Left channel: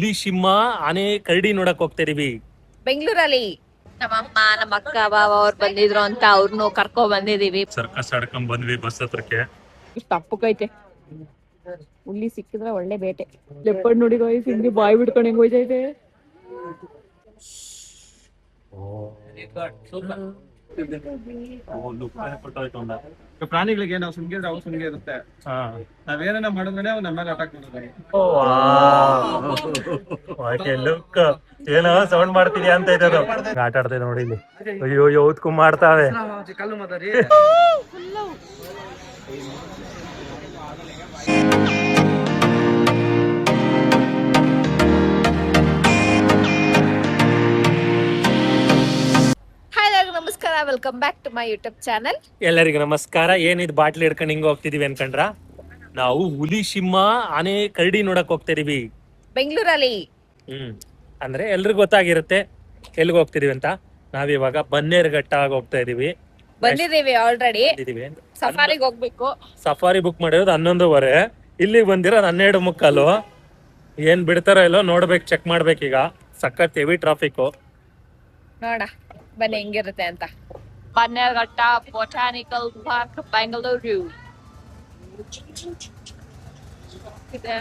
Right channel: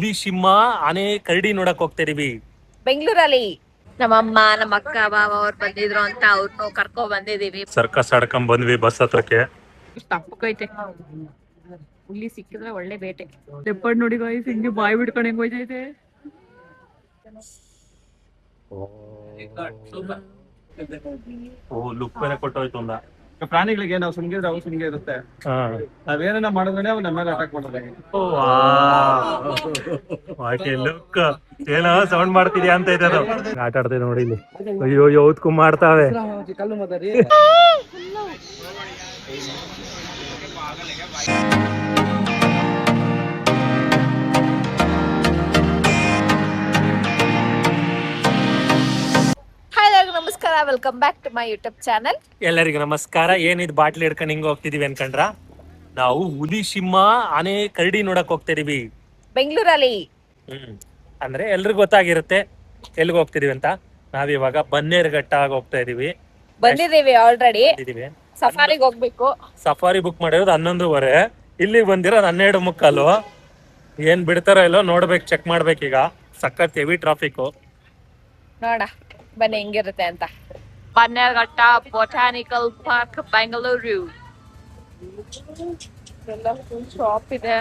ಹುಲಿ ಸಿಂಹ ಆನೆ ಕರಡಿ ನೋಡಕ್ ಹೋಗ್ತಾ ಇದೀವಿ ಬೆಂಗಳೂರಲ್ಲಿ. ನಮ್ಮಮ್ಮ ನಮ್ಮ ಅಕ್ಕ ಬಾವ ಅವ್ರು ಬಂದಿದ್ರು ಅಂತ ಅವ್ರನ್ನು ಕರ್ಕೊ ಬಂದಿದೀವಿ. ಸರ್ಕಸ್ ಆಡ್ಕೊಂಡ್ ಬಂದ್ವಿ ಬಸ್ ಹತ್ರಕ್ಕೆ. ಇಷ್ಟ ಅಪ್ಪಕೈತೆ ಹುಲಿ ಸಿಕ್ಕಿದ್ರೆ ಒಳ್ಳೆ ಬೇಟೆ. ಲೆಪ್ಪಡ್ ನೋಡಿ ಗಾಯ್ಸ್ ಹಿಂಗೆ ಬಾಯ್ ಬಿಡ್ಕೊಂಡು ಹೆಂಗ್ ಹೋಯ್ತೈತೆ. ಲುಕ್ ಬೇರೆ ಕೊಟ್ಟೋಯ್ತು ಒಂದ. ಪ್ರಾಣಿಗಳಿಗೆ ನಾವು ಸುಮ್ಗಿದ್ರೆ ಅವು ಸುಮ್ಗೆ ಇರುತ್ತೆ. ನಾವೇನ ಮಾಡಿದ್ರೆ ಅವ್ ನಮ್ಮ ಮೇಲೆ ಅಟ್ಯಾಕ್ ಮಾಡೋದು. ಲುಕ್ ಏನೋ ಸೌಂಡ್ ಮಾಡ್ತಿದ್ಯಾ ಅಂತ ಇದೆ ಅದು. ಆಟ ಆಡ್ತೇವೆ ನೋಡಿ ಇಲ್ಲಿ. ಅಯ್ಯೋ ಯಾವ್ದಕ್ಕೂ ಮಾಡ್ತಾವೆ. ಕಲ್ಲು ಮದರಿ ನಮಸ್ಕಾರ, welcome back to my YouTube channel. ಎಲ್ಲರಿಗೂ ನಮಸ್ಕಾರ. ಏನಿದ್ ಬಾಟ್ಲಿ ಹಿಡ್ಕೊಂಡು ಹಿಂಗ ಹೋಗ್ತಿದೀವಿ ಅನ್ಕಂಡ್ರ? ನಾವು ಹುಲಿ ಸಿಂಹ ಆನೆ ಕರಡಿ ನೋಡಕ್ ಹೋಗ್ತಾ ಇದೀವಿ ಬೆಂಗಳೂರಲ್ಲಿ. ಅಂದ್ರೆ ಎಲ್ರಿಗೂ ಗೊತ್ತಾಗಿರುತ್ತೆ ಎಲ್ಗ ಹೋಗ್ತಿದೀವಿ ಅಂತ. ನಾವಿವಾಗ ಬನ್ನೇರುಘಟ್ಟ ಹೋಗ್ತಾ ಇದೀವಿ. ಬಂದಿದೀವಿ ಆಲ್ರೆಡಿ. ಸಫಾರಿಗೆ ಹೋಗ್ಬೇಕು. ಸಫಾರಿ ಬುಕ್ ಮಾಡಿರೋದು 11:30. ಇಲ್ಲಿಗೆ ಬಂದಿರೋದು 12:45. ಏನ್ ಬಿಡ್ತಾರೋ ಇಲ್ಲೋ ನೋಡ್ಬೇಕು, ಚೆಕ್ ಮಾಡ್ಬೇಕೀಗ. ಸಖತ್ ಹೆವಿ ಟ್ರಾಫಿಕ್. ನೋಡ ಬನ್ನಿ ಹೆಂಗಿರುತ್ತೆ ಅಂತ. Bannerghatta botanical park, Bengaluru. Shop ಇದೆ,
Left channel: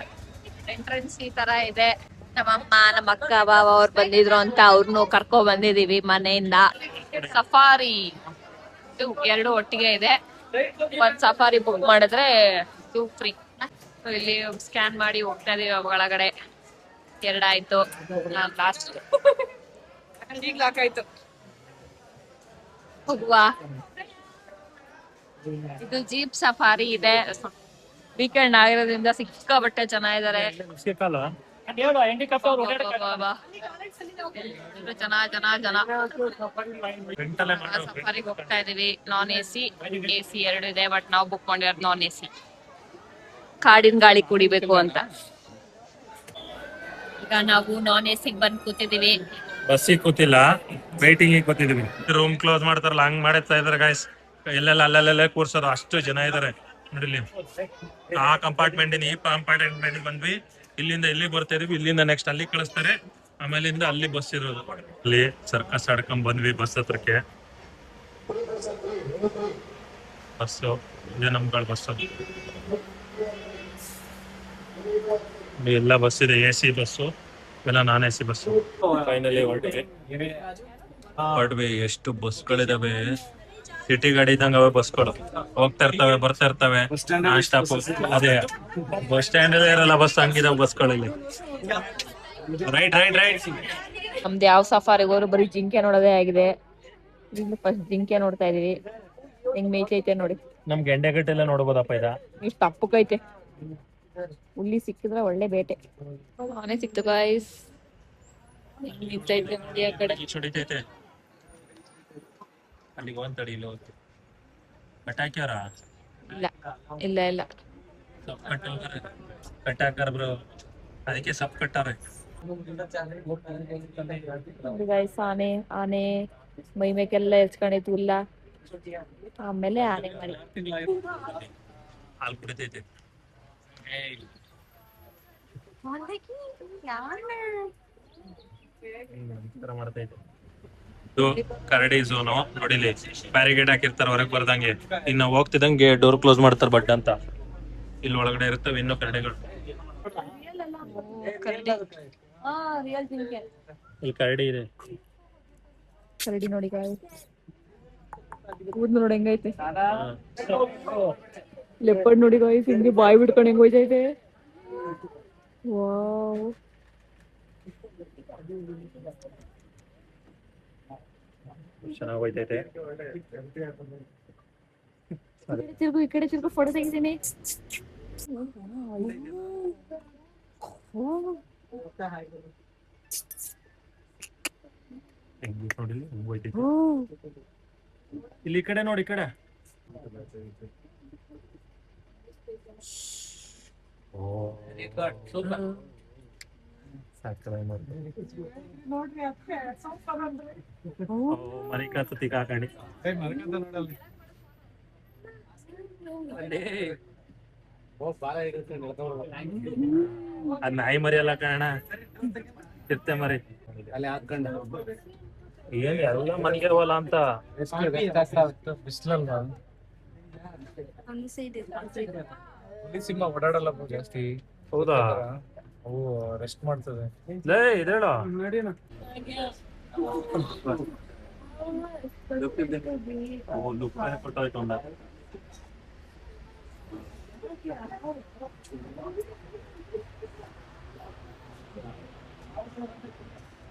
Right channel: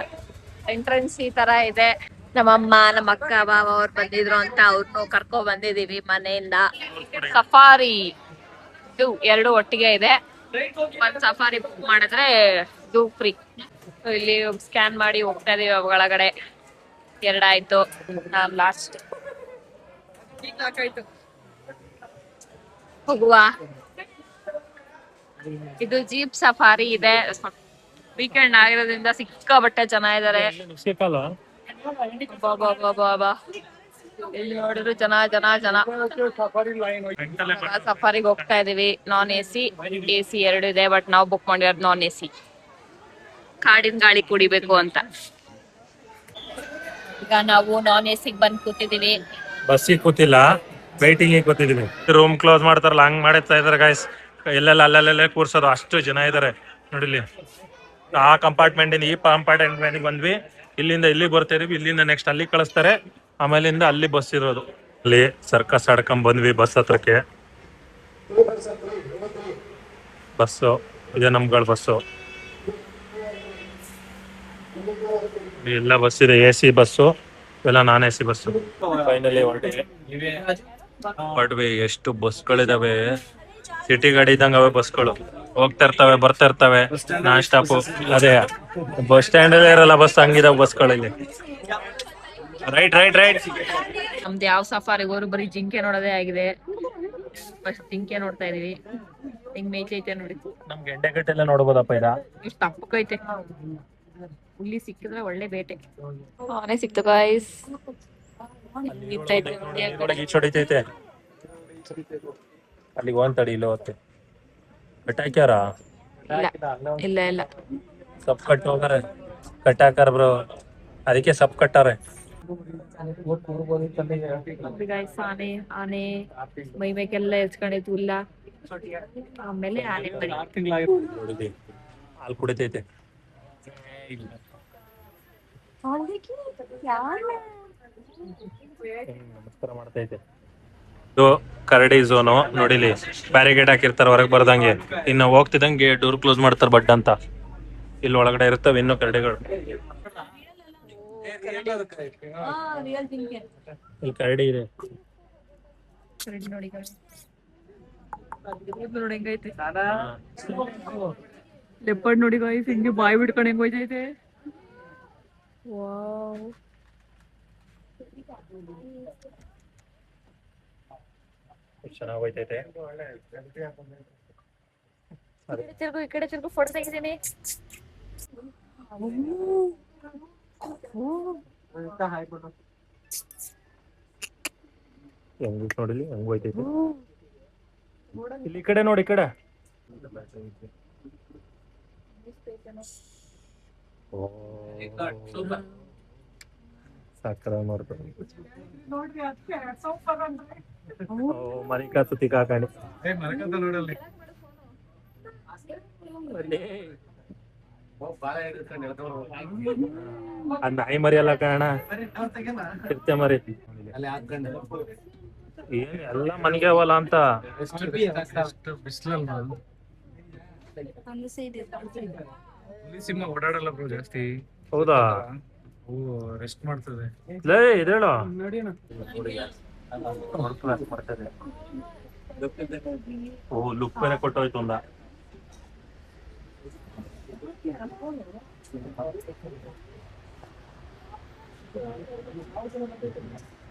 ಎಂಟ್ರೆನ್ಸ್ ಈ ತರ ಇದೆ. ನಮ್ಮಮ್ಮ ನಮ್ಮ ಅಕ್ಕ ಬಾವ ಅವ್ರು ಬಂದಿದ್ರು ಅಂತ ಅವ್ರನ್ನು ಕರ್ಕೊ ಬಂದಿದೀವಿ ಮನೆಯಿಂದ. ಸಫಾರಿ ಎರಡು ಒಟ್ಟಿಗೆ ಇದೆ. ಒಂದ್ ಸಫಾರಿ ಬುಕ್ ಮಾಡಿದ್ರೆ ಇದು ಫ್ರೀ. ಇಲ್ಲಿ ಸ್ಕ್ಯಾನ್ ಮಾಡಿ ಹೋಗ್ತಾ ಇದೀವಿ ಒಳಗಡೆ. ಎರಡಾಯ್ತು, ನಾನ್ ಲಾಸ್ಟ್. ಹೋಗುವ. ಇದು ಜೀಪ್ ಸಫಾರಿ ಇದೆ. ವೀಕೆಂಡ್ ಆಗಿರೋದ್ರಿಂದ ಸಿಕ್ಕಾಬಟ್ಟೆ ಜನ ಇದಾರೆ. ಎಲ್ಲಿ ನೋಡಿದ್ರು ಜನ ಜನ ಜನ. ಸಫಾರಿಗೆ ಹೋಗ್ತಾ ಇದೀವಿ. ನಾನ್ ಎಸಿ, ಎಸಿ ಎರಡು ಇದೆ. ಬಟ್ ನಾವು ಬುಕ್ ಮಾಡಿರೋದು ನಾನ್ ಎಸಿ. ಕಾಡಿನ ಗಾಳಿ ಕುಡಿಬೇಕು ಅಂತ. ಈಗ ನಾವು ನಾನ್ ಎಸಿಗೆ ಬಂದ್ ಕೂತಿದೀವಿ. ಬಸ್ಸಿಗೆ ಕೂತಿಲ್ಲ, ವೈಟಿಂಗ್ ಕೂತಿದೀವಿ. ರೂಮ್ ಕ್ಲೋಸ್ ಮಾಡ್ತಾರಲ್ಲ ಹಂಗ್ ಮಾಡ್ತಾ ಇದಾರೆ ಗಾಯ್ಸ್. ಎಲ್ಲೆಲ್ಲ ಅಲ್ಲಲ್ಲೇ ಕೂರ್ಸೋದು, ಅಷ್ಟು ಜನ ಇದಾರೆ ನೋಡಿಲಿ. ಆ ಕಂಪಾರ್ಟ್ಮೆಂಟ್ ಈ ಕಂಪಾರ್ಟ್ಮೆಂಟ್ ಬಂದ್ವಿ. ಇಲ್ಲಿಂದ ಇಲ್ಲಿಗೆ ಬರ್ತಾ ಇದೀವಿ. ಇಲ್ಲಿಂದ ನೆಕ್ಸ್ಟ್ ಅಲ್ಲಿ ಕಳಿಸ್ತಾರೆ. ಆಮೇಲಿಂದ ಅಲ್ಲಿ ಬಸ್ ಇರೋದು. ಅಲ್ಲಿ ಸರ್ಕಸ್ ಆಡ್ಕೊಂಡ್ ಬಂದ್ವಿ ಬಸ್ ಹತ್ರಕ್ಕೆ. ಬಸ್ಸು ಇದೆ, ನಮ್ಗಳ ಬಸ್ಸು. ಎಲ್ಲ ಬಸ್ ಇದೆ, AC ಬಸ್ಸು, ಇವೆಲ್ಲ ನಾನ್ AC ಬಸ್ಸು. ಫೈನಲಿ ಹೊರಟ್ವಿ. ಎಷ್ಟು ಬಸ್ಗಳಿದಾವೆ, ಸಿಟಿ ಗಾಡಿ ಇದ್ದಂಗ ಅವೆ ಬಸ್ಗಳು. ಹೋಗ್ತಾ ಇರ್ತವೆ, ಬರ್ತಾ ಇರ್ತವೆ. Non stop. ಅದೇ ಬಸ್ ಸ್ಟ್ಯಾಂಡ್ ಅಲ್ಲೇ ಇರಲ್ಲ ಬಸ್, ಹಂಗಿದಾವ ಬಸ್ಗಳಲ್ಲಿ. Right right right. ನಮ್ದು ಯಾವ ಸಫಾರಿಗೆ ಹೋದ್ರು ಬರೀ ಜಿಂಕೆ ನೋಡೋದೇ ಆಗಿದೆ. ಫಸ್ಟ್ ಜಿಂಕೆ ನೋಡ್ತಾ ಇದೀವಿ. ಹೆಂಗ್ ಮೇಯ್ತೈತೆ ನೋಡಿ. ನಮ್ ಗೆಂಡೆಗಟ್ಟೆಲ್ಲ ನೋಡ್ಬೋದಪ್ಪ ಇದ. ಇಷ್ಟ ಅಪ್ಪಕೈತೆ. ಹುಲಿ ಸಿಕ್ಕಿದ್ರೆ ಒಳ್ಳೆ ಬೇಟೆ. ಆನೆ ಸಿಕ್ತು ಗಾಯ್ಸ್. ಹೊಡಿತೈತೆ. ಅಲ್ಲಿಗೆ ಒಂದ್ ತಡಿ ಇಲ್ಲ ಹೊತ್ತೆ ಕಟ್ಟಾಕ್ಯಾರ. ಇಲ್ಲ ಇಲ್ಲ, ಸಪ್ ಕಟ್ ಹೋಗಾರೆ, ಕಟ್ಟಾಕಾರ ಬ್ರೋ. ಅದಕ್ಕೆ ಸಪ್ ಕಟ್ಟಾರೆ. ಗಾಯ್ಸ್ ಆನೆ ಆನೆ ಮೈ ಮೇಕೆಲ್ಲ ಎರ್ಚ್ಕೊಂಡೈತು ಹುಲ್ಲ. ಆಮೇಲೆ ಆನೆ ಮರಿ. ಹಾಲು ಕುಡಿತೈತೆ. ನಮಸ್ಕಾರ ಮಾಡ್ತೈತೆ. ಇದು ಕರಡಿ ಝೋನು ನೋಡಿಲಿ. ಬ್ಯಾರಿಗೇಡ್ ಹಾಕಿರ್ತಾರ ಹೊರಗೆ ಬರ್ದಂಗೆ. ಇನ್ನು ಹೋಗ್ತಿದಂಗೆ ಡೋರ್ ಕ್ಲೋಸ್ ಮಾಡ್ತಾರ ಬಡ್ ಅಂತ. ಇಲ್ಲಿ ಒಳಗಡೆ ಇರ್ತವೆ ಇನ್ನು ಕರಡಿಗಳು. ಇಲ್ಲಿ ಕರಡಿ ಇದೆ. ಕರಡಿ ನೋಡಿ ಕೂದ್ ನೋಡಿ ಹೆಂಗೈತೆ. ಲೆಪ್ಪಡ್ ನೋಡಿ ಗಾಯ್ಸ್ ಹಿಂಗೆ ಬಾಯ್ ಬಿಡ್ಕೊಂಡು ಹೆಂಗ್ ಹೋಯ್ತೈತೆ. ವಾವ್, ಚೆನ್ನಾಗಿ ಹೋಯ್ತೈತೆ. ಈ ಕಡೆ ತಿರ್ಗು ಫೋಟೋ ತೆಗಿತೀನಿ. ಹೆಂಗ್ ನೋಡಿಲಿ ಹೆಂಗ್ ಹೋಯ್ತೈತೆ. ಇಲ್ಲಿ ಈ ಕಡೆ ನೋಡಿ, ಈ ಕಡೆ. ಮನಿಕಾ ತುತಿ ಕಾಕಾಣಿ. ಅದ್ ನಾಯಿ ಮರಿ ಅಲ್ಲ ಕಾರಣ ಚಿರತೆ ಮರಿ ಏನ್ ಎಲ್ಲ ಮನೆಗೆ ಅವಲ್ಲ ಅಂತ ಬಿಸ್ಲಲ್ಲ ಸಿಂಹ ಓಡಾಡಲ್ಲ ಬ್ರೋ ಜಾಸ್ತಿ. ಹೌದಾ ಅವು ರೆಸ್ಟ್ ಮಾಡ್ತದೆ. ಲೇ ಇದೇಳು ಓ ಲುಕ್ ಬೇರೆ ಕೊಟ್ಟೋಯ್ತು ಒಂದ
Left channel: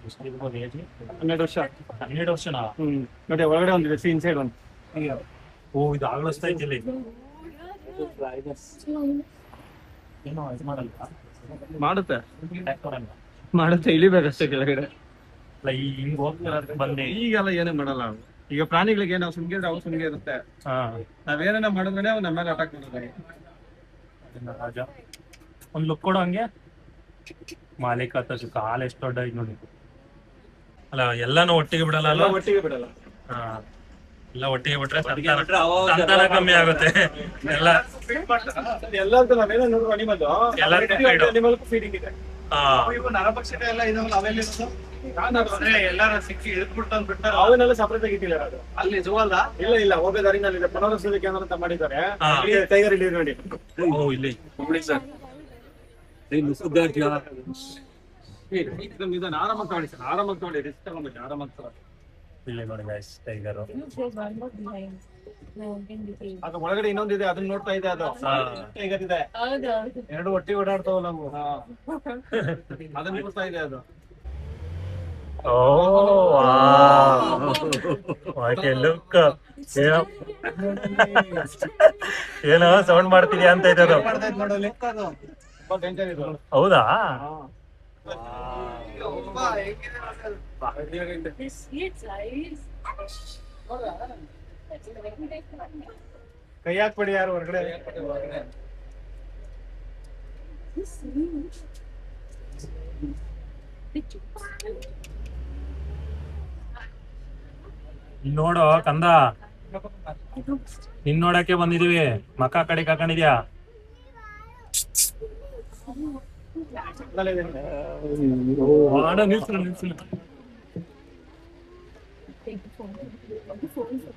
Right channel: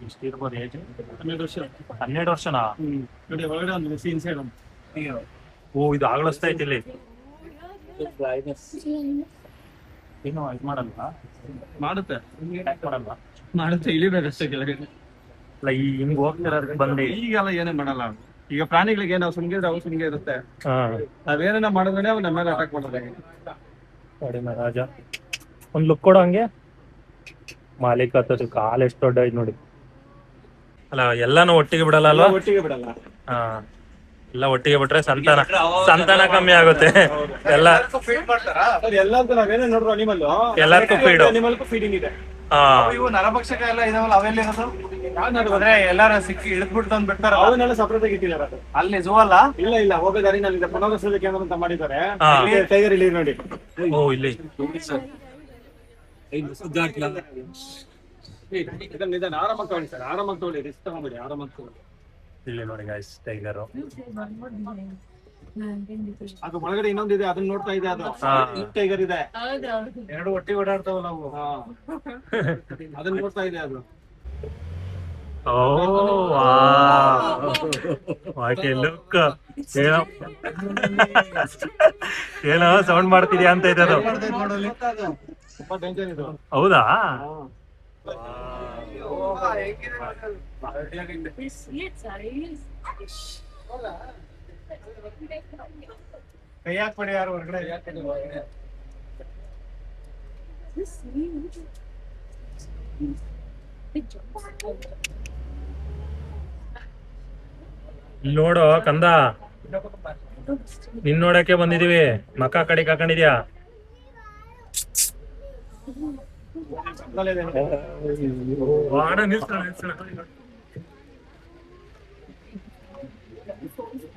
ಎಷ್ಟಿರ್ಬೋದು ಏಜ್? 12 ವರ್ಷ. 12 ವರ್ಷನಾ? ನೋಡಿ ಒಳಗಡೆ ಒಂದಿದೆ ಇನ್ಸೈಡ್ ಒಂದು. ಓ ಇದು ಆಗ್ಲಸ್ತಾ ಐತಿ ಇಲ್ಲಿ ಏನು ಇದು ಮಾಡಲ್ವಾ? ಮಾಡುತ್ತೆ Attack ಮಾಡಲ್ವಾ? ಮಾಡುತ್ತೆ, ಇಳಿಬೇಕಷ್ಟೇ ಕೆಳಗಡೆ. ಅಲ್ಲ ಈ ಹಿಂಗ್ ಹೋಗ್ತಿರೋದ್ ಬಂದು ಈಗೆಲ್ಲ ಏನೇ ಮಾಡಲ್ಲ ಅವು. ಈಗ ಪ್ರಾಣಿಗಳಿಗೆ ನಾವು ಸುಮ್ಗಿದ್ರೆ ಅವು ಸುಮ್ಗೆ ಇರುತ್ತೆ. ಹಾ ನಾವೇನ ಮಾಡಿದ್ರೆ ಅವು ನಮ್ಮ ಮೇಲೆ ಅಟ್ಯಾಕ್ ಮಾಡೋದು. ಕಡಿಮೆ ರಾಜ ಒಂದ್ ಲುಕ್ ಕೊಡು ಹಂಗೆ. ಮಾಲೀಕ ಹತ್ತದು ಕಾಲ್ ಎಷ್ಟು ದೊಡ್ಡ ಐತ್ ನೋಡಿ. ಅಲ್ಲ ಎಲ್ಲಾನು ಒಟ್ಟಿಗೆ ಬಿಡಲ್ಲ ಅಲ್ವಾ? ಒಟ್ಟಿಗೆ ಬಿಡಲ್ಲ. ಹಾ ಎಲ್ಲ ಒಟ್ಟಿಗೆ ಬಿಟ್ರೆ ಸಂತಾನ ಕಮ್ಮಿ ಆಗುತ್ತೆ. ಎಲ್ಲ ಎಲ್ಲದಕ್ಕೂ ನಾವೇನೇ ನೋಡ್ರು ಅನಿಮಲ್ ಎಲ್ಲದಕ್ಕೂ feed. ಅನಿಮಲ್ಗೂ ಫೀಡಿಂಗ್ ಇದೆ. ಹಾ ಇವು ನರಭಕ್ಷಕ ಎಲ್ಲ ಇದಾವಲ್ಲ ಅವೆಲ್ಲ ಇರೋದು ಎಲ್ಲಾರ ಸಿಕ್ಕಿ ಹಿಡಿದ್ಬಿಟ್ಟು ತಂದು ಬಿಡ್ತಾರ. ಅವನ್ನೆಲ್ಲ ಸಪರೇಟ್ ಆಗಿ ಇಟ್ಟಿದ್ದಾರೆ. ಅದು ಅಲ್ಲಿ ಝೂ ಅಲ್ಲ? ಇಲ್ಲ ಹೋಗೋ ದಾರಿನಲ್ಲಿ ಇದೆ. ಪುನರ್ವಸತಿ ಕೇಂದ್ರ ಅಂತ ಮಾಡಿದ್ದಾರೆ. ಟೈಗರ್ ಇಲ್ಲಿ ನೋಡಿ. ಓ ಇಲ್ಲಿ ಇದನ್ನ ಆರಾಮಾಗಿ ತಗೊಳ್ಳಿ ಸರ್, ಆರಾಮಾಗಿ ತಗೊಳ್ಳಿ, ರಿಸ್ಕ್ ತಗೊಂಬಿಡಿ, ಆರಾಮಾಗಿ ತಗೊಳ್ಳಿ. ಇಲ್ಲಿ ನೋಡಿ ಗೈಸ್ ಟೈಗರ್. ಅದು ಒಳಗಡೆ ಇನ್ನೊಂದಿದೆ, ಅದನ್ನ ನೋಡ್ತಾ ಇದೆ. ಅದು ಟೈಗರ್ ಇದೆ, ಎರಡು ಒಟ್ಟಿಗೆ ಓಡಾಡ್ತಾವಲ್ಲ ಅವು. ಅದನ್ನ ನೋಡ್ತಾ ಇದೆ ಅದು. ಓ ವಾಟ್ ಲುಕ್. ಏನೋ ಸೌಂಡ್ ಮಾಡ್ತಿದ್ಯಾ ಅಂತ ಇದೆ ಅದು. ತುಂಬಾ ಡೇಂಜರ್ ಇದು. ಹೌದಾ? ಕೈ ಹಾಕ್ಬೇಡಿ ಯಾರು ಹೊರಗಡೆ. ಇಲ್ಲಿ ನೋಡು ಕಂದ, ನಿನ್ ನೋಡಕ್ಕೆ ಬಂದಿದೀವಿ. ಮಕ್ಕ ಕಡೆ ಹಾಕೊಂಡಿದ್ಯಾ?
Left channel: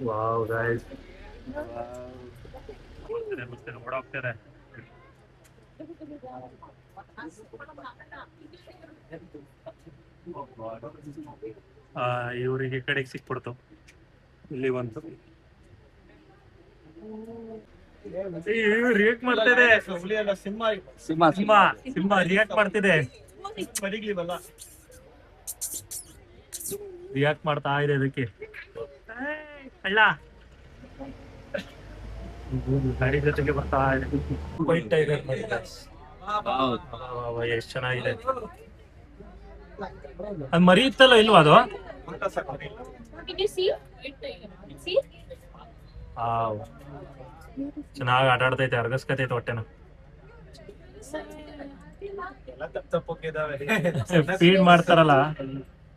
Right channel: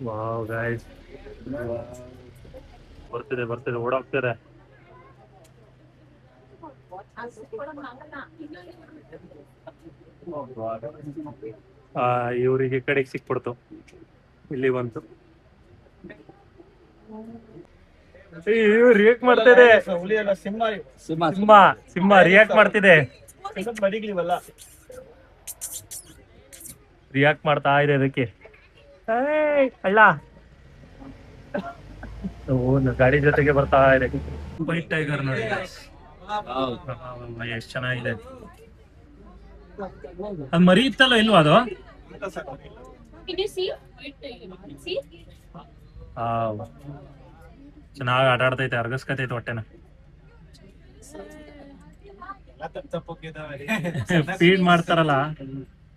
ವಾವ್ ಗೈಸ್, ಬರ್ತಿದೆ ಓಡಾಗ್ತಿದೆ. ಇವ್ರಿಗೆ ಈ ಕಡೆಗೆ ಸಿಕ್ಬಿಡ್ತು, ಇಲ್ಲಿ ಬಂತು. ರಿಯಾಕ್ಟ್ ಮಾಡ್ತಿದೆ. ಹುಲಿ ಅಲ್ಲ, ಸಿಂಹ. ಸಿಂಹ ರಿಯಾಕ್ಟ್ ಮಾಡ್ತಿದೆ. ಬರೀಗಳಿವಲ್ಲ, ರಿಯಾಕ್ಟ್ ಮಾಡ್ತಾ ಇದೆ ಅದಕ್ಕೆ. ಅಲ್ಲ ಗಾಡಿ ಜೊತೆಗೆ ಬರ್ತಾ ಇದೆ. ವೈಟ್ ಟೈಗರ್ ನೋಡಿ, ಎಷ್ಟು ಚೆನ್ನಾಗಿದೆ. ಅದು ಮರಿ ಇತ್ತಲ್ಲ, ಇಲ್ವಾ ಅದು? ಚೆನ್ನಾಗಿ ಆಟ ಆಡ್ತೈತೆ, ಅರ್ಗಸ್ಕತೈತೆ ಹೊಟ್ಟೆನ. ಫೀಡ್ ಮಾಡ್ತಾರಲ್ಲ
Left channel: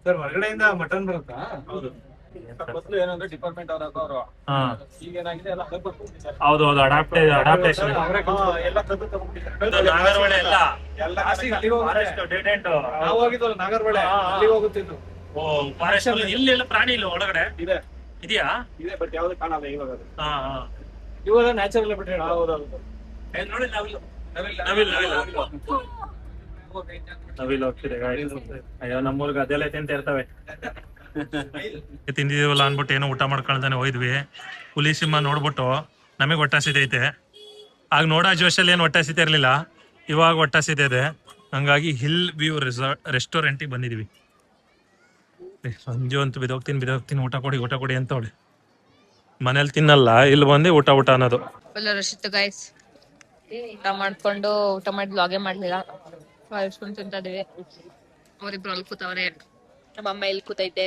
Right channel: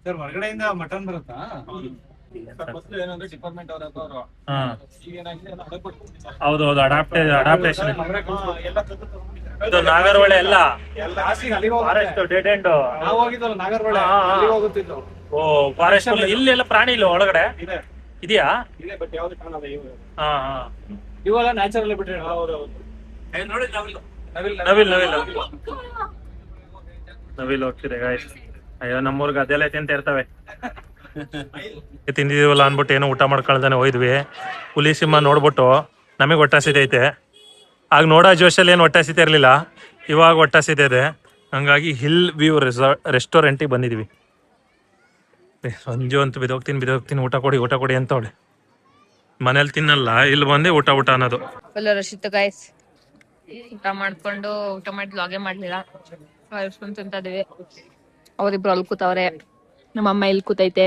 ಸರ್. ಹೊರಗಡೆಯಿಂದ ಮಟನ್ ಬರುತ್ತಾ? ಮೊದಲು ಏನಂದ್ರೆ ಡಿಪಾರ್ಟ್ಮೆಂಟ್ ಅವರು ಈಗ ಏನಾಗಿದೆ ಎಲ್ಲ ಹೌದು ಅಡಾಪ್ಟೇಷನ್. ಎಲ್ಲ ತಂದು ತಗೊಂಡ್ಬಿಟ್ಟಿದ್ದಾರೆ. ನಾಗರಹೊಳೆ ಎಲ್ಲ ಫಾರೆಸ್ಟ್ ಡೆಡ್ ಎಂಡ್. ನಾವು ಹೋಗಿದ್ವಲ್ಲ ನಾಗರಹೊಳೆ, ಅಲ್ಲಿ ಹೋಗುತ್ತಿದ್ದು. ಓ ಫಾರೆಸ್ಟ್ ಇಲ್ಲೆಲ್ಲ ಪ್ರಾಣಿ ಇಲ್ಲ ಒಳಗಡೆ ಇದೆ, ಇದೆಯಾ? ಇದೆ, ಬಟ್ ಯಾವ್ದು ಕಾಣಲ್ಲ ಇವಾಗ. ಹಾ ಇವೆಲ್ಲ ನ್ಯಾಚುರಲ್ ಬಿಟ್ರಿ. ಹೌದೌದು, ನವಿಲ್ ಹೋಗ್ತಿದೆ ಗಾಯ್ಸ್. ಅಯ್ಯೋ ನಮ್ಮೂರ್ಗ ಅದೆಲ್ಲ ತಿಂತ ಇರ್ತವೆ. ತಿಂದಿದೀವಲ್ಲ ಅನ್ಬಿಟ್ಟು ಏನೋ ಊಟ ಮಾಡ್ಕೊಳ್ತಾನೆ ಹೋಯ್ದ್ವಿ. ಹುಲಿ ಸಿಂಹ ನೋಡ್ಬಿಟ್ಟು ನಮಗೆ ಹೊಟ್ಟೆ ಆಗ ನೋಡೋ ಜೋಶಲ್ಲಿ ಏನು ಹೊಟ್ಟೆ ಹಸಿತಾ ಇರಲಿಲ್ಲ, ಇವಾಗ ಹೊಟ್ಟೆ ಹಸಿತಾ ಇದೆ. ಹಂಗಾಗಿ ಹಿಲ್ ವ್ಯೂ ರೆಸ್ಟೋರೆಂಟಿಗೆ ಬಂದಿದ್ವಿ. ಸಂಜು ಅಂತ ಬಿದೋಗ್ತೀನಿ ಊಟ ಕೊಡಿ ಅಂತ ಅವಳೆ. ಮನೇಲಿ ತಿನ್ನಲ್ಲ, ಇಲ್ಲಿ ಬಂದು ಊಟ ಅನ್ನೋದು. ಫುಲ್ ರಶ್ ಇತ್ತು ಗೈಸ್. ಊಟ ಮಾಡಿ ವ್ಲಾಗೇ ಮಾಡ್ಲಿಲ್ಲ, ಇಸ್ಕೊಂಡ್ ತಿಂತಾ ಇದೀವಿ. ಅವ್ರಿಬ್ರು ಅಲ್ಲಿ ಕೂತವ್ರೆ, ನಮ್ಮಮ್ಮ ಇಲ್ಲಿ ಕೂತೈತೆ.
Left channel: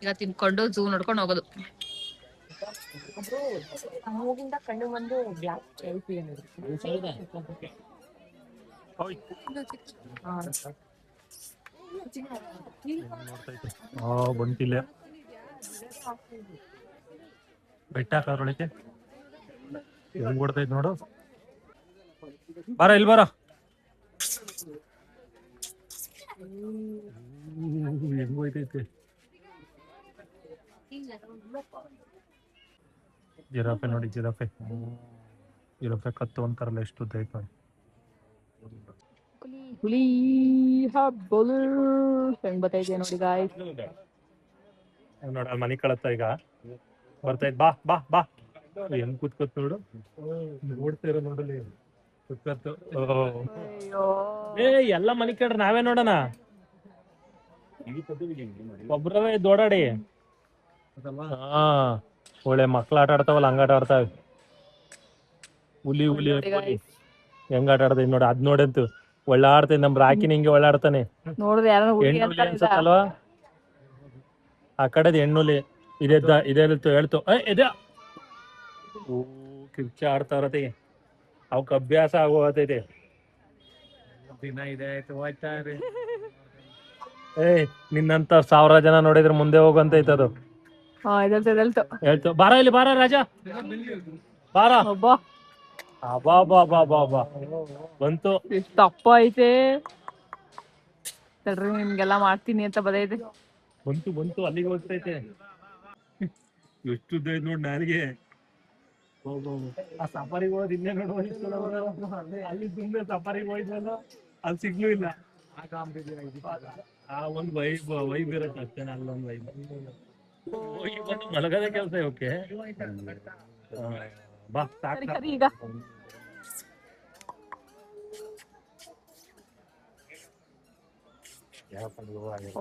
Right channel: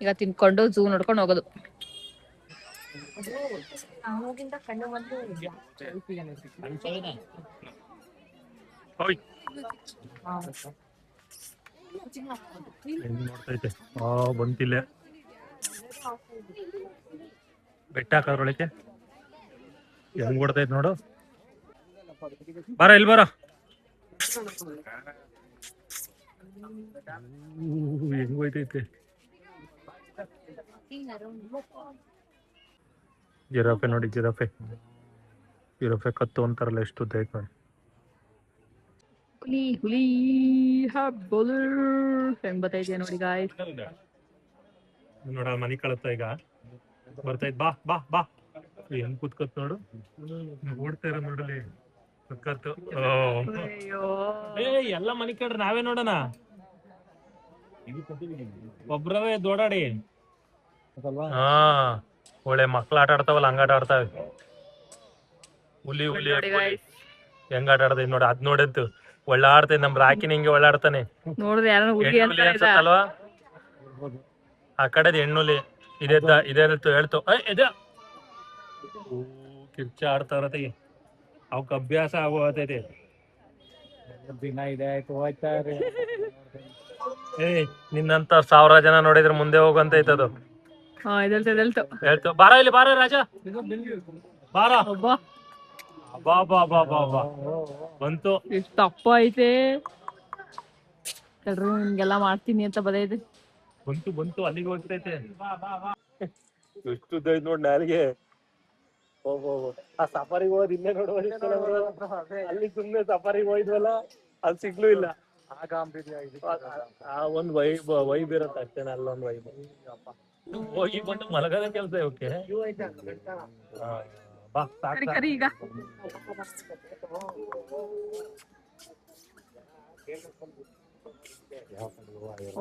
ಈಗ ತಿನ್ಕೊಂಡು ಝೂ ನೋಡ್ಕೊಂಡು ಹೋಗೋದು. ನೋಡ್ತೈತೆ ಬಂತಿಲ್ಲ, ಬೆಟ್ಟ ಹಾಕೋದ್ರೊಳಗೆ ಹೆಂಗ್ ಕೊಡ್ತೈತೆ ನೋಡು. ಬಾರ ಇಲ್ಲಿ ಬಾರ. ಹೆಂಗ್ ಹೋಯ್ತೈತೆ ಜಿರಾಫೆ ನೋಡಿ, ಜಿರಾಫೆ ಕತ್ತು ಅಂತಾರಲ್ಲ, ಎಷ್ಟು ಉದ್ದ ಐತೆ ನೋಡಿ. ಹುಲಿ ಹಬ್ಬಲು ಹೆಂಗ್ ಬತ್ತೈತೆ ನೋಡಿ ಗಾಯ್ಸ್. ನೋಡ ಮನಿ ಕಳತ್ತ ಈಗ ಬರ್ತೈತ್. ಬಾ ಬಾ ಬಾ, ಹೆಂಗ್ ಕೂತ್ಕೊತ್ ನೋಡು, ನೋಡ್ತೀರ ನೋಡಲಿ ಕುತ್ಕತ್ತು. ಎಲ್ಲ ಮನಿ ಕಡ್ರಿ ನಾವೇ ನೋಡೋಣ, ಒಬ್ರವೇ ದೋಡಾಡಿ. ಹಾ, ಒಳ್ಳೆ ಮಕ್ಳು ಆಟ ಆಡ್ತಾವಲ್ಲ ಹಂಗ ಆಟ ಆಡ್ತಾವೆ. ಹುಲಿ ಹೆಂಗ ಆಟ ಆಡ್ತೈತಿ ನೋಡಿ, ಅದ್ ನೋಡಂತು ಒಳ್ಳೆ ಆಡ್ತೈತಿ. ನಮ್ ರಾಕಿನ ಹಿಂಗೆ ಒಳ್ಳೆ ಆಡ್ತಾನೆ ನೋಡ್ರಿ, ಯಾರು ಅನ್ಸತ್ತಲ್ವಾ. ಆ ಕಡೆದ ಹೆಣ್ಣುಲಿ ಇದೆಲ್ತು ಹೇಳ್ತು ಕಿರ್ಚ ಆಡ್ತಾ ಇರತ್ತೆ. ಅವಕ್ ಅಭ್ಯಾಸ ಆಗೋತೈತಿ. ದಿನ ಇದೆ ಆಯ್ತು ಹೋಯ್ತಾರೆ. ನಿನ್ನಂತ 1000 ಜನ ನೋಡಿದ್ರೆ ಮುಂದೆ ಹೋಗಂತೈತೆ ಅದು. ಹೇಳ್ತು ಬಾರ ಇಲ್ಲಿ, ಬಾರ ರಾಜ, ಬಾರ. ಬಂತು, ಎಷ್ಟು ಅಪ್ಪ ಐತೆ ತಡ್ರಿ, ನಿಮ್ಗೆಲ್ಲ ಮಾಡ್ತೀನಿ ಅಂತ ಬದೈತೆ. ಬಂತು ಅಲ್ಲಿಗೆ ಹೋಗ್ತೈತೆ. ಎಷ್ಟು ಉದ್ದ ಐತ್ ನೋಡ್ ನಾರಿಗೆ. ಆ ಸಫಾರಿಗೆ ಹೋದ್ ಇನ್ನೇ ಅಲ್ಲಿ ಸುಮ್ನೆ ಸಫಾರಿಗೆ ಹೋಯ್ದ್ವಲ್ಲ, ಅದು ಸಿಗ್ಲೂ ಇಲ್ಲ. ಆ ಒಂದ್ ವೈಬ್ ಇರತ್ತೆ ಅಷ್ಟೇನ, ಅಲ್ಲೊಂದ್ ವೈಬ್. ಹೋಗಿ ಬಂದು ಮಲಗದ ಕೆಲಸ ಇವಕ್ಕೆ. ಬಾ ಕರಿ ಈಗ.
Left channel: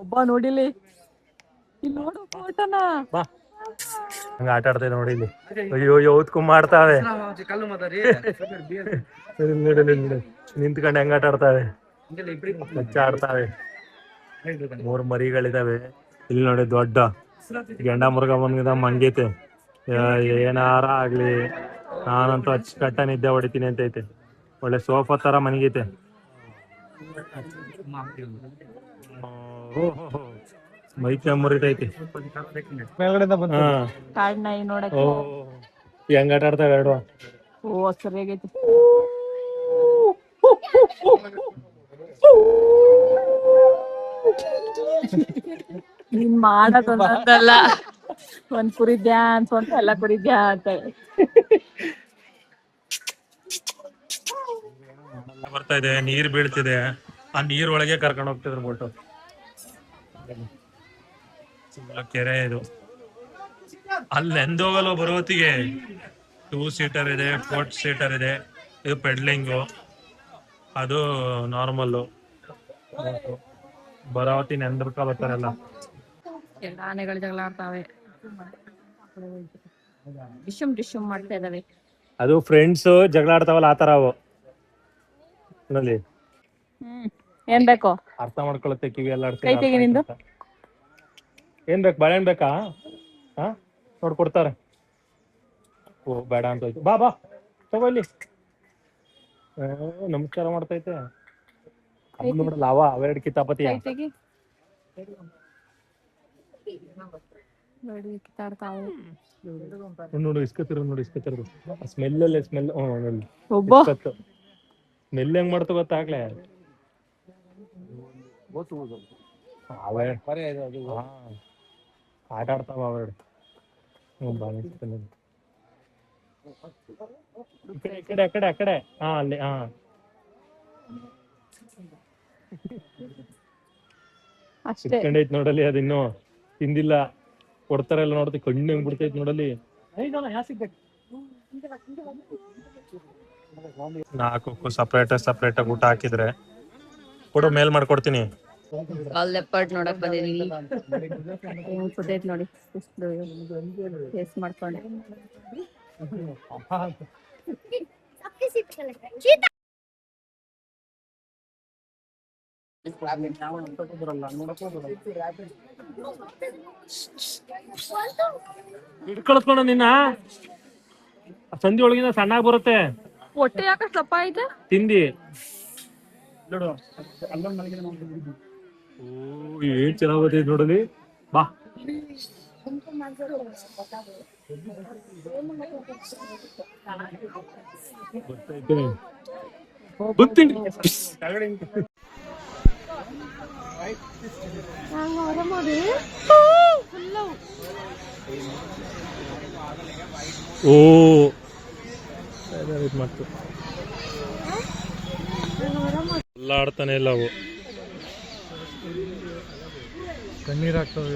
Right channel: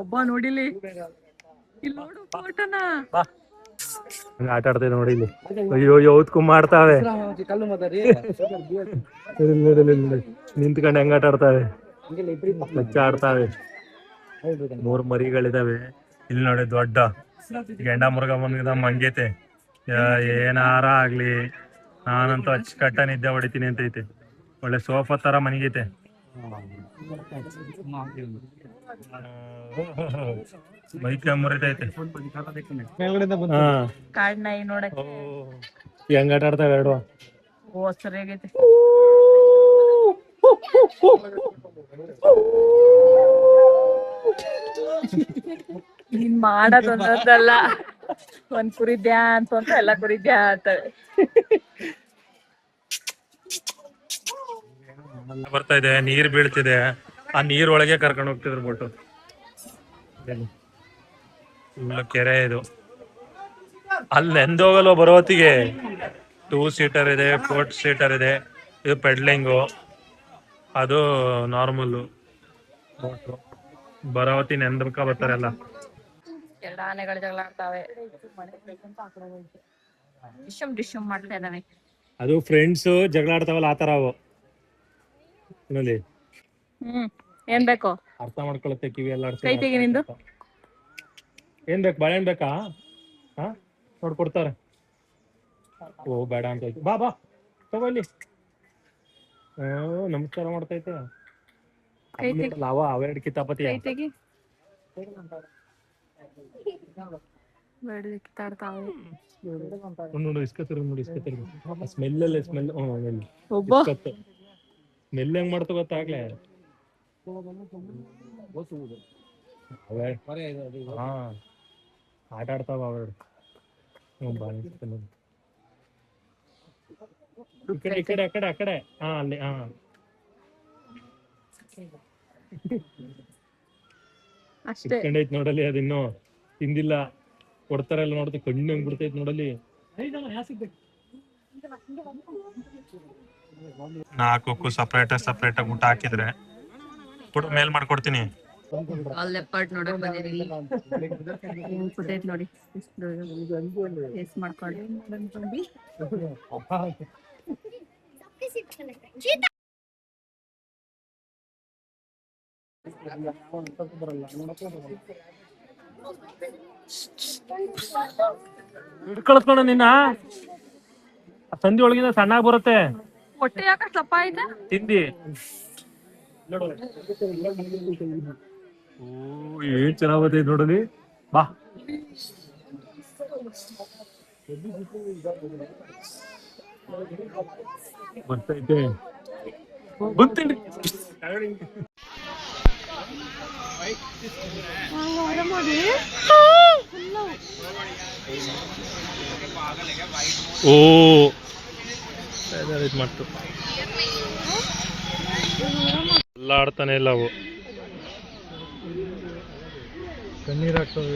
ಒಬ್ಬ ನೋಡಿಲಿ, ಇಲ್ಲಿ ನೋಡು ಫೋಟೋನ. ಆಟ ಆಡ್ತೇವೆ ನೋಡಿ ಇಲ್ಲಿ. ಅಯ್ಯೋ ಯಾವ್ದಕ್ಕೂ ಮಾಡ್ತಾವೆ. ನಿಂತ್ಕೊಂಡು ಹೆಂಗ ಆಟ ಆಡ್ತಾವೆ, ಕಚ್ಚ ಆಡ್ತಾವೆ. 3 ಮರಿಗಳಿದಾವೆ ಇಲ್ಲಿ ನೋಡಿ. ದೊಡ್ಡ ಗೆಂಡ ಮುರ್ಗ ಬಂದ ಮಂಗೈತೆ. ಏನಾರ ಆಗ್ಲಿ, ನಾನಂತೂ ಅಚ್ಚುಕಟ್ಟ ನಿದ್ದೆ ಹೊಡಿತೀನಿ ಅಂತೈತೆ. ಒಳ್ಳೆ ಸೋಫಾ ತರ ಮನಗೈತೆ. ಮೈಕ ಮುರಿತೈತೆ. ಕಾಡ್ ನಾಯಿ ನೋಡಕ್ಕೆ ಹೆಂಗ ಆಟ ಆಡ್ತಾವೆ ಎರಡು. ಸರಿಯಾಗೈತೆ. ನೀನ್ ಮಾಡೋದೊಂದಲ್ಲ, ಒಂದ್ ಕುರಿ ಡ್ಯಾನ್ಸ್ ಅಂತ ಎಲ್ಲ ಕುರಿ ಡ್ಯಾನ್ಸ್ ಬರ್ತಾ ಇದೆ. ನೀರ್ ಬೀಳ್ತಿದೆ, ಆ ನೀರ್ ಒಳಗೆ ಕರ್ಕೊಂಡು ಹೋಗ್ತಿದ್ರು ಬೋಟು. ಕೆರೆ ಇದು. ಅಲ್ಲಿ ಎಂದೋಗಲ್ವ ಬರೋತ್ತಿಗೆ 2 ಸೀಟರ್ ಇದೆ, 4 ಸೀಟರ್ ಇದೆ. ಇದು ಪೆಡ್ಲಿಂಗು, ಅದು ನಾರ್ಮಲ್ಲು. ಬರೋತಿ ನೆಂದ್ರಕ ಬರ್ತಾರಲ್ಲ. ಎಲ್ಲ ಆನೆಗಳು ಜಗಳ ಆಡ್ತಾವೆ, ಡಿಶಮ್ ಮಾಡ್ತಾ ಇದಾವೆ. ಅದು ಫ್ರೆಂಡ್ಸ್ ಜಗಳ ಆಡ್ತಾವಲ್ಲ ಆತರ ಅವು ನೋಡಿ. ಏನ್ ಬೇಕು ಅರ್ಥ ಮಾಡ್ಕೊಳತ್ತೆ, ಕಿವಿ ಎಲ್ಲ ಕೈ ತೆಗಿ ನಿಂದು. ಏನ್ ಬೇಕು, ಬಾಳೆಹಣ್ಣು ಬೇಕಾ? ಹಾ, ನೋಡ್ಕೊಡ್ತಾರೆ. ಓ ಬೇಡ ಅಂತ ಹೋಯ್ತು. ಬಾ ಬಾ ತಗೋ ಇಲ್ಲಿ. ನಮಸ್ಕಾರ ಮಾಡ್ತೈತೆ. ನೋಡಲ್ಲ ಅವೆರಡು ಕಿತಾಪತಿ. ನೋಡಿ ಇಸ್ಕತ್ತಿರ, ನೋಡಿ ಇಸ್ಕತ್ತಿರೋದು. ಸ್ಮೆಲ್ ಅಲ್ಲೇ ಸ್ಮೆಲ್. ಸ್ಮೆಲ್ ಹೆಂಗ್ ಮಾಡ್ತ ಗೊತ್ತಾಗ್ಲೇ. ಆಟ ಆಡ್ತಾವ ಅವೆರಡು. ಈ ಕಡೆ ಆ ಕಡೆ. ಹಾ ಅಲ್ಲಿ. ಹಾ ಇಟ್ಕೊಂಡೈತ್ ನೋಡಲಿ, ಅದಿನ್ನು ತಿಂದಿಲ್ಲ. ಕೊಡ್ತಾರಲ್ಲ ನೋಡ್ತಿ, ಕಣ್ಣು ಹೆಂಗ್ ಬಿಡ್ತೈತ್ ನೋಡಲಿ. 4 ಸಪ್ರೇಟ್ ಊಟ ಹಾಕಿದ್ರೆ ಕೊಡು, ಮೇಲ್ ಮಾಡ್ಕೊಡ್ತೀನಿ. ಲೆಪರ್ಡ್ ನೋಡಕ್ ಬಂದಿದೀವಿ. ಕುದೈತ್ ನೋಡಿ, ಟೇಸ್ಟ್ ಮಾಡ್ಕೊಂಡು. ಹಿಡ್ಕೊಳ್ಸ್ಕೊಣ ನಿನ್ನ. ಸಂಧಿ ಒಳಗಿಂದ ಸಣ್ಣಾಗಿ ಬರುತ್ತೆ. ಹೊಟ್ಟೆ ಯಾಕೆ ದಪ್ಪ ಐತೆ? ತಿಂದಿ. ಏನ್ ಚೆನ್ನಾಗ್ ಬರ್ತೈತೆ ನೋಡಲಿ. ಬಾ ಓ ಇದು ಮಾಡ್ತು ಎಲ್ಲ ಆಡ್ತಾನೆ ಇಲ್ಲ ಅವು ಕಣ್ಣೀರ್ ಹಾಕ್ತವೆ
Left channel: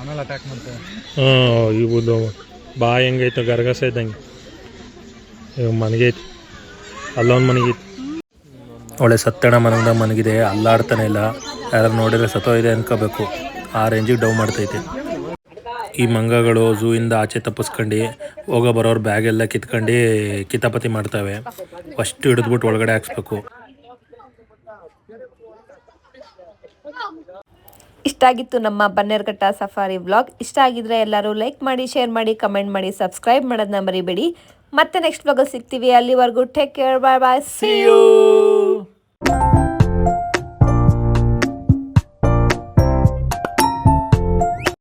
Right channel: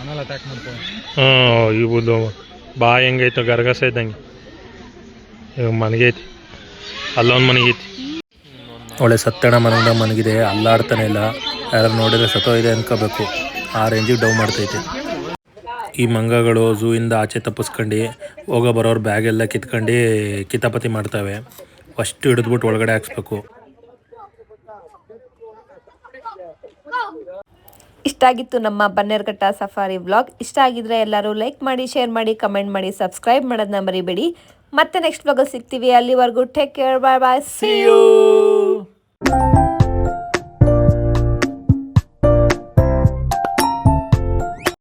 ಆಮೇಲೆ ಅಟ್ಯಾಕ್ ಮಾಡ್ತವೆ. ಇವುದು ಬಾ ಹೆಂಗೈತು ಗರಗಸ ಇದ್ದಂಗೆ ಇವಾಗ ಮನಗೈತಿ ಅಲ್ಲೊಂದು ಮನಗೈತಿ ಒಳ್ಳೆ ಸತ್ತಣ ಮನಗ್ದಾಗ ಮನಗಿದೆ ಅಲ್ಲಾಡ್ತಾನೆ ಇಲ್ಲ ಯಾರು ನೋಡಿದ್ರೆ ಸತ್ತೋ ಇದೆ ಅನ್ಕೋಬೇಕು ಆ ರೇಂಜಿಗೆ ಡೌ ಮಾಡ್ತೈತೆ. ಈ ಮಂಗಗಳು ಝೂ ಇಂದ ಆಚೆ ತಪ್ಪಿಸ್ಕೊಂಡು ಹೋಗೋ ಬರೋರು ಬ್ಯಾಗ್ ಎಲ್ಲ ಕಿತ್ಕೊಂಡು ಕಿತಾಪತಿ ಮಾಡ್ತವೆ. ಫಸ್ಟ್ ಹಿಡಿದ್ಬಿಟ್ಟು ಒಳಗಡೆ ಹಾಕ್ಸ್ಬೇಕು. ಇಷ್ಟ ಆಗಿತ್ತು ನಮ್ಮ ಬನ್ನೇರುಘಟ್ಟ ಸಫಾರಿ ವ್ಲಾಗ್. ಇಷ್ಟ ಆಗಿದ್ರೆ ಎಲ್ಲರೂ ಲೈಕ್ ಮಾಡಿ, ಶೇರ್ ಮಾಡಿ, ಕಮೆಂಟ್ ಮಾಡಿ, ಸಬ್ಸ್ಕ್ರೈಬ್ ಮಾಡೋದನ್ನ ಮರಿಬೇಡಿ. ಮತ್ತೆ ನೆಕ್ಸ್ಟ್ ವ್ಲಾಗಲ್ಲಿ ಸಿಗ್ತೀವಿ. ಅಲ್ಲಿವರೆಗೂ take care, bye bye, see you.